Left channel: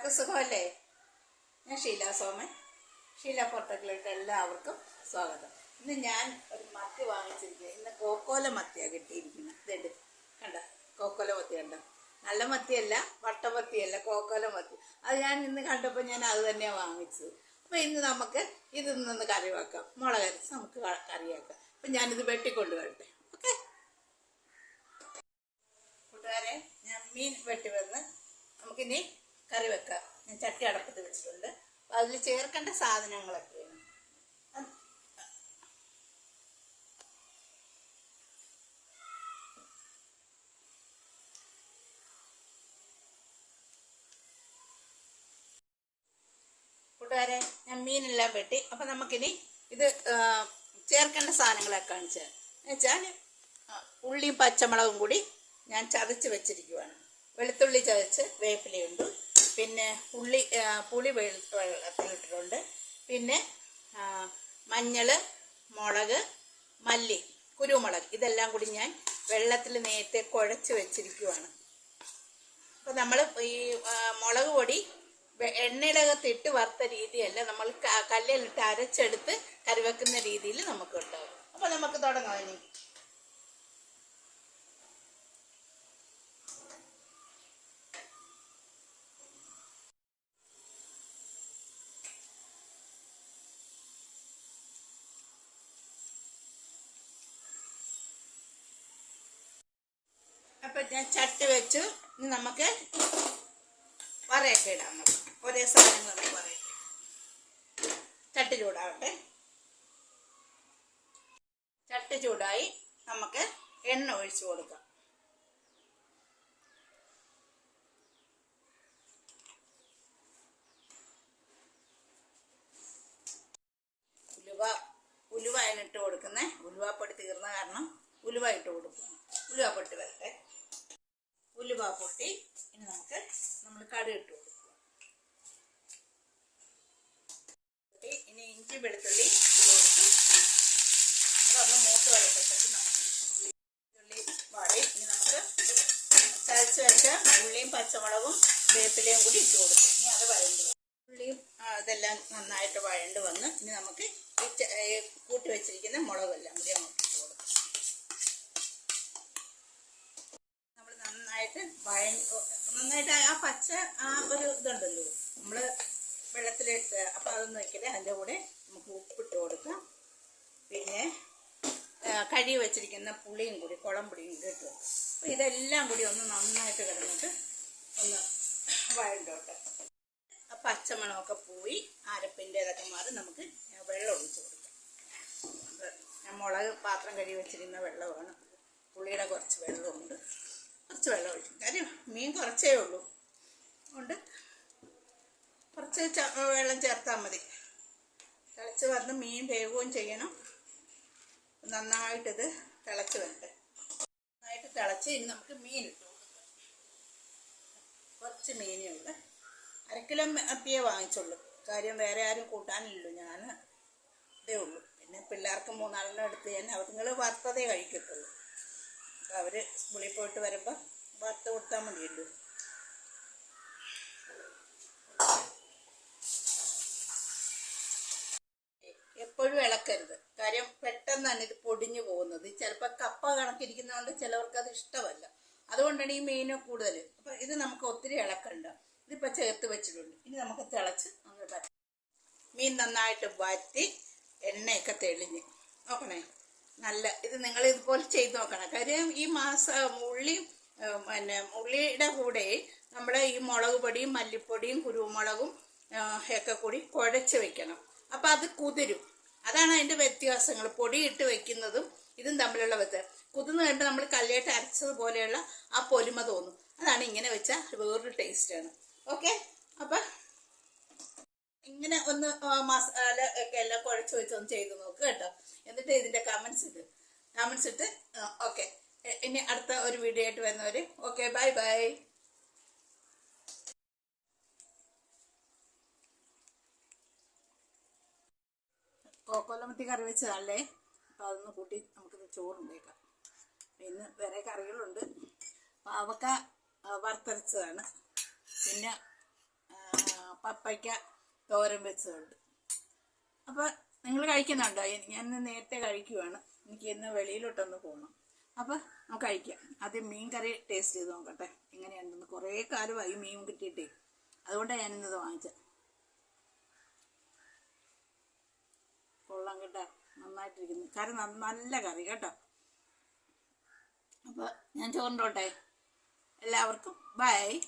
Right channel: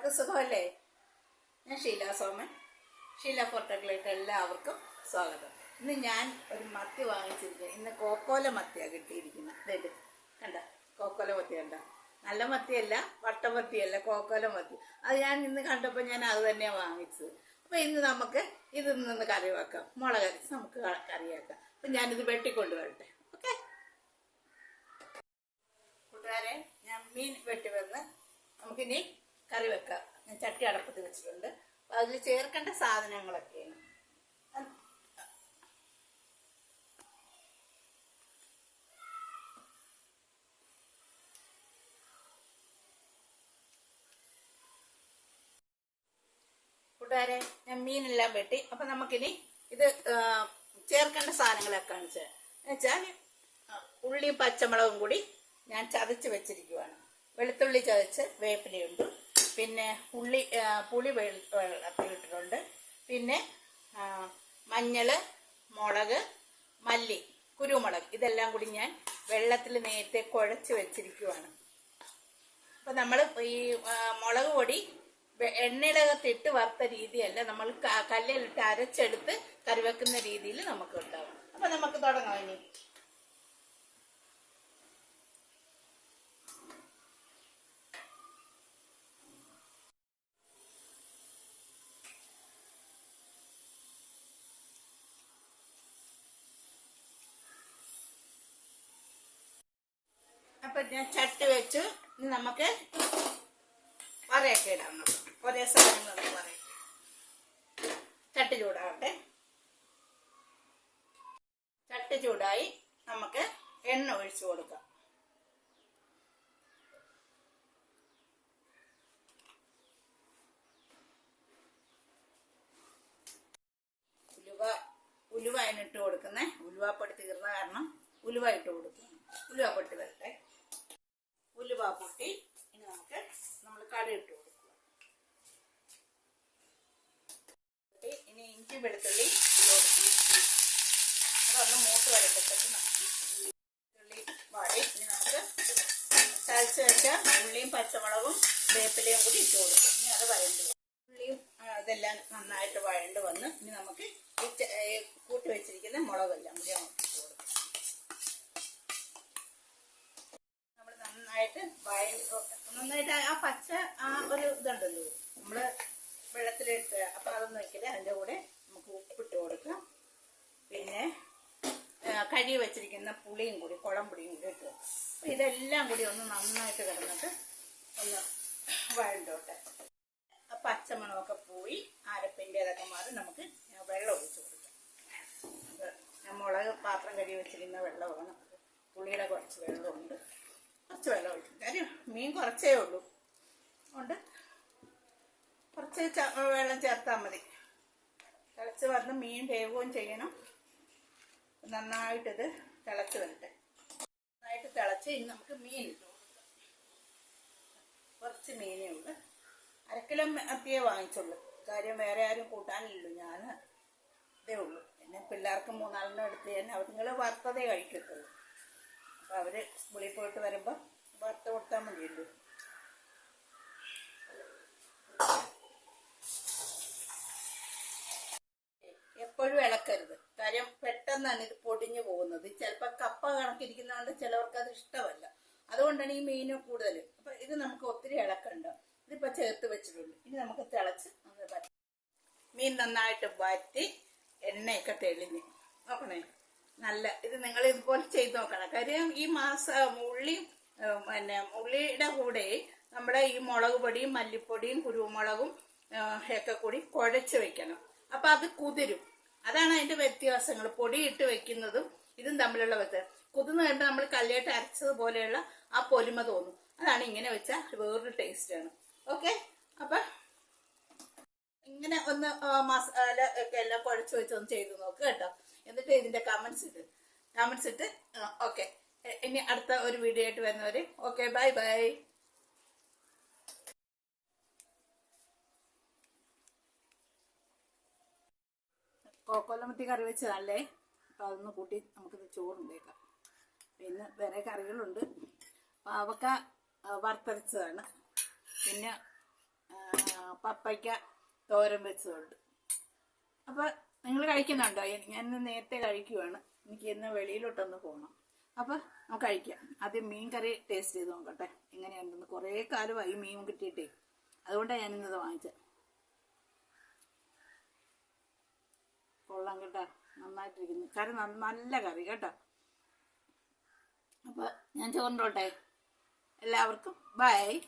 എല്ലാവർക്കും സുഖമല്ലേ? ഞാൻ ഷീല സോമൻ ഷീല ഫോട്ടോകളിലേക്ക് എല്ലാവർക്കും സ്വാഗതം. ഇന്ന് ഞാൻ ഒരു മത്തി വാങ്ങിച്ചിരിക്കുന്നത് ഇന്ന് കോക്കോല മത്തിയാണ് കിട്ടിയിരിക്കുന്നത്. ഇതെട് കണ്ട കോക്കോല മത്തി കണ്ട. നല്ല മത്തിയല്ല വട്ടമത്തിയല്ല കോക്കോല മത്തി. അത് ഞാൻ ഇന്ന് കണ്ടപ്പോൾ ഞാൻ അത് തന്നെയാണ് വാങ്ങിച്ചത്. അപ്പോൾ ഇന്ന് നമുക്ക് ഇതിൽ നിന്ന് കറി വെക്കാം. മുളക് അരച്ച് നമുക്ക് കറിയാക്കാം. അപ്പം ഞാനിത് വെട്ടിക്കൊണ്ട് വരട്ടെ ഓക്കെ? കൂട്ടുകാരെ ഞാൻ മീൻ വെട്ടി വന്ന് നമുക്കിനി കറി വെക്കാം. ഞാൻ ചട്ടി അടപ്പത്ത് വെച്ചിട്ടുണ്ട്. അതിൽ ചേർക്കേണ്ട സാധനങ്ങളൊക്കെയാണ്. കൂട്ടുകാരെ ഞാൻ മീനെല്ലാം വെട്ടി. അപ്പം നമുക്കിനി ഇത് ചേർക്കേണ്ട സാധനങ്ങളൊക്കെ കാണിച്ച് എന്നുവെച്ചാൽ ഉള്ളിയും പച്ചമുളകും കൂടി ഞാൻ ചതച്ച് വെച്ചിരിക്കുവാണ്. വെളുത്തുള്ളി ചതച്ച് വേപ്പിലയുണ്ട്. പിന്നെ ഉള്ളി പുളി വെളി വെള്ളത്തിലിട്ടിട്ടുണ്ട്. പിന്നെ മഞ്ഞൾ മുളക് മല്ലി കുരുമുളക്. ഇതെല്ലാം കൂടി ഞാൻ വെള്ളത്തിൽ നേരത്തെ കുഴച്ച് വെച്ചിരിക്കുവാണ്. അപ്പോൾ നമ്മൾ ഈ മുളക് പൊടി എണ്ണയിലകത്തിട്ട് വറുത്ത രീതിയല്ല. നമ്മൾ കല്ലിലിട്ട് അരച്ചെടുത്ത് കറിവെക്കുന്ന രീതിയിൽ നമുക്ക് ഉണ്ടാവും അപ്പോൾ നമുക്ക് തുടങ്ങാം ഇനി അപ്പം ഞാൻ ചട്ടി വെച്ച്. ഇനി നമുക്ക് വറയൊക്കെ ഇടാം നമുക്ക്. ഒരേ സാധനങ്ങൾ നമുക്ക് വറയൊക്കെ ചട്ടി ചൂടാവട്ടെ. ചട്ടി ചൂടായി നമുക്ക് എണ്ണ ഒഴിച്ചു കൊടുക്കാം. ഉലുവ ഉലുവ അതിനിട്ട് കൊടുക്കുന്നേ. ഉലുവാപ്പൊടി തീർന്ന കാരണം ഉലുവ ഇട്ട് കൊടുക്കണം ഉലുവ പൊട്ടി വരട്ടെ. ഉലുവ പൊട്ടി. ഇനി നമുക്ക് നമ്മൾ കടുക് ഇട്ട് കൊടുക്കുക. ഇനി ഇഞ്ചി വെളുത്തുള്ളി അതൊന്ന് മൂത്ത് വരട്ടത്തേക്ക് നമുക്ക് വെളുത്തുള്ളി വാടി. ഇനി നമുക്ക് ചതച്ച് വെച്ച ഉള്ളിയും പച്ചമുളകും വേപ്പിലയും കൂടി ഇട്ട് കൊടുക്കും ഇനി അത് വഴണ്ട് ഉള്ളിയും അതെല്ലാം നന്നായിട്ട് വഴണ്ട് വന്ന് ഇനി നമുക്ക് കൂട്ടി വെച്ചിരിക്കുന്ന മുളകെല്ലാം കൂടി നമുക്ക് ഇട്ട് കൊടുക്കാം നമ്മൾ നന്നായിട്ട് ആ പച്ച ആ ഒരു ഇതുണ്ടല്ലോ. നമ്മൾ വെള്ളത്തിലേക്ക് അപ്പൊ അതൊന്നും വെക്കൽ അതിന്റെ കൂടെ നമുക്ക് ഉപ്പിട്ട് കൊടുക്കാം. പിന്നെ കഴി വെച്ചിരിക്കുന്ന പുളിയും കൂടി കുളമ്പുളിയും കൂടി ഇട്ട് അപ്പം ഇതെല്ലാം കൂടി ഒന്ന് നന്നായിട്ട് കിടന്നിട്ട് ഒന്ന് വഴണ്ടോട്ടെ. ആ പച്ചമണമൊക്കെ പോയി അരപ്പിന്റെ ഇതൊക്കെ മാറി നമുക്ക് വെള്ളം ഒഴിച്ച് കൊടുക്കാം. മുളക് പാത്രം കഴുകി വെച്ചിരിക്കുന്ന വെള്ളമാണ്. പുളിയുടെ കുറച്ച് വെള്ളമുണ്ട്. കുറച്ച് വെള്ളം ഒഴിക്കും. കാര്യം മീൻ കുറച്ചേ ഉള്ളൂ. അതുകൊണ്ട് കുറച്ച് വെള്ളം ചേർത്താൽ മതി. തിളച്ച് വന്ന് മീൻ വേവുകയും ചെയ്യണം. നന്നായിട്ടിത് തിളച്ച് വരട്ടെ. നന്നായിട്ട് തിളച്ച് ഇനി നമുക്ക് മീൻ കുറച്ച് മീനേ ഉള്ളു. അരക്കിലോ അപ്പിയേ വാങ്ങിച്ചുള്ളൂ. കാര്യം വേറെ ആരും കൂട്ടാനില്ലല്ലോ. ഞാൻ ഇതേ ഉള്ളൂ. പിന്നെ പിള്ളേർക്ക് മൂന്നാളിനെ എടുത്ത് ഞാൻ നിങ്ങൾ വറുത്തതേ കഴിക്കത്തുള്ളൂ. അപ്പോൾ അവർ സ്കൂളിൽ പോയിട്ട് വരുമ്പോൾ വറുത്ത് കൊടുത്താൽ മതിയല്ലോ. എപ്പോഴും ഇളക്കരുത്. കാര്യം പെട്ടെന്നാണ് ഇത് പൊടിഞ്ഞു പോകുന്നത്. ചിലപ്പോൾ കപ്പ കണക്കിരിക്കുന്നതുകൊണ്ട് ചിലവർക്ക് അത് ഇഷ്ടമല്ല. അതുകൊണ്ടാണ് ഈ മീൻ കൂടുതൽ. അപ്പം ഇത് നമുക്ക് ഒത്തിരി ഇളക്കണ്ട. ഇതിപ്പോൾ ചേർത്ത് വെച്ചിട്ടുണ്ട്. ഇനി നമുക്ക് തിളച്ച് നമ്മൾ മീൻ നന്നായിട്ട് വറ്റി എണ്ണയൊക്കെ തെളിഞ്ഞ്. നോക്കണേ. നല്ല ഇത് നിങ്ങൾ ഇതുപോലെ ചെയ്ത് നോക്കണം. കാര്യം ഈ മാസം ഉള്ളി പിന്നെ ഉള്ളിയുടെ കൂടെ നമ്മൾ ഈ മുളക് പൊടിയും മല്ലിപ്പൊടിയും കുരുമുളകും ഒക്കെ കൂടി കുഴച്ച് വെക്കണം. അപ്പം അത് കുതിരും. അതാണ് അതിന്റെ വ്യത്യാസങ്ങൾ. പൊടി ഇട്ട് വെക്കുന്നതും ഇതും തമ്മിലുള്ള വ്യത്യാസം. കുതിർന്ന് കഴിയുമ്പോൾ നമ്മൾ കല്ലിയായിട്ട് അരച്ചതുപോലെയുള്ള ആ പൊലിമ തോന്നും. അതാണ് ഇങ്ങനെ വെച്ചാൽ വേറൊരു ടേസ്റ്റാണ് ഓക്കെ ഒന്ന് മസാല ഒക്കെ എല്ലാം കുഴച്ച് വെച്ച് ഒന്ന് ചെയ്ത് നോക്ക് കേട്ടോ. എന്നിട്ട് ഇതിന്റെ കമന്റ്സ് ഇട്ട് കമന്റ്സ് ഇട്ട് ഓക്കെ ഇനി അടുത്ത ഒരു വീഡിയോ ആയിട്ട് വരുന്നവര് ഓക്കെ ബൈ ബൈ കോക്കോലമത്തി കറി വെച്ചതല്ലേ? അപ്പം അതൊന്ന് കൂട്ടി നമുക്കിത് ചോറുണ്ടേക്കാം. പിന്നെ വേറെ കറികളുണ്ട്. പാവക്ക വറുത്തരച്ചതാണ്. പിന്നെ പപ്പയ്ക്ക തോരൻ വെച്ചതുണ്ട്. അപ്പോൾ നിങ്ങൾ കഴിക്കുന്നുണ്ടോ? ഞാൻ നേരത്തെ കഴിക്കുവാണ്. എനിക്ക് ഇന്ന് വെളിയിലോട്ടൊന്ന് പോകണം അപ്പോൾ നമുക്ക് കഴിക്കാം. ആദ്യം മീൻ കറി ടേസ്റ്റ് ചെയ്ത് നോക്കട്ടെ. എങ്ങനെയുണ്ടെന്ന്. കുറേ കാലമായി മീൻ കിട്ടിയിട്ടേ. അതുകൊണ്ടാണ് ഞാനിന്നത് വാങ്ങിച്ചത്. കൊള്ളാം കേട്ടോ. നന്നായിട്ടിരിക്കുന്നു. കറി നല്ല കറി കേട്ടോ. അപ്പോൾ ഞാൻ ചോറിന്റെ എല്ലാവർക്കും ബൈ.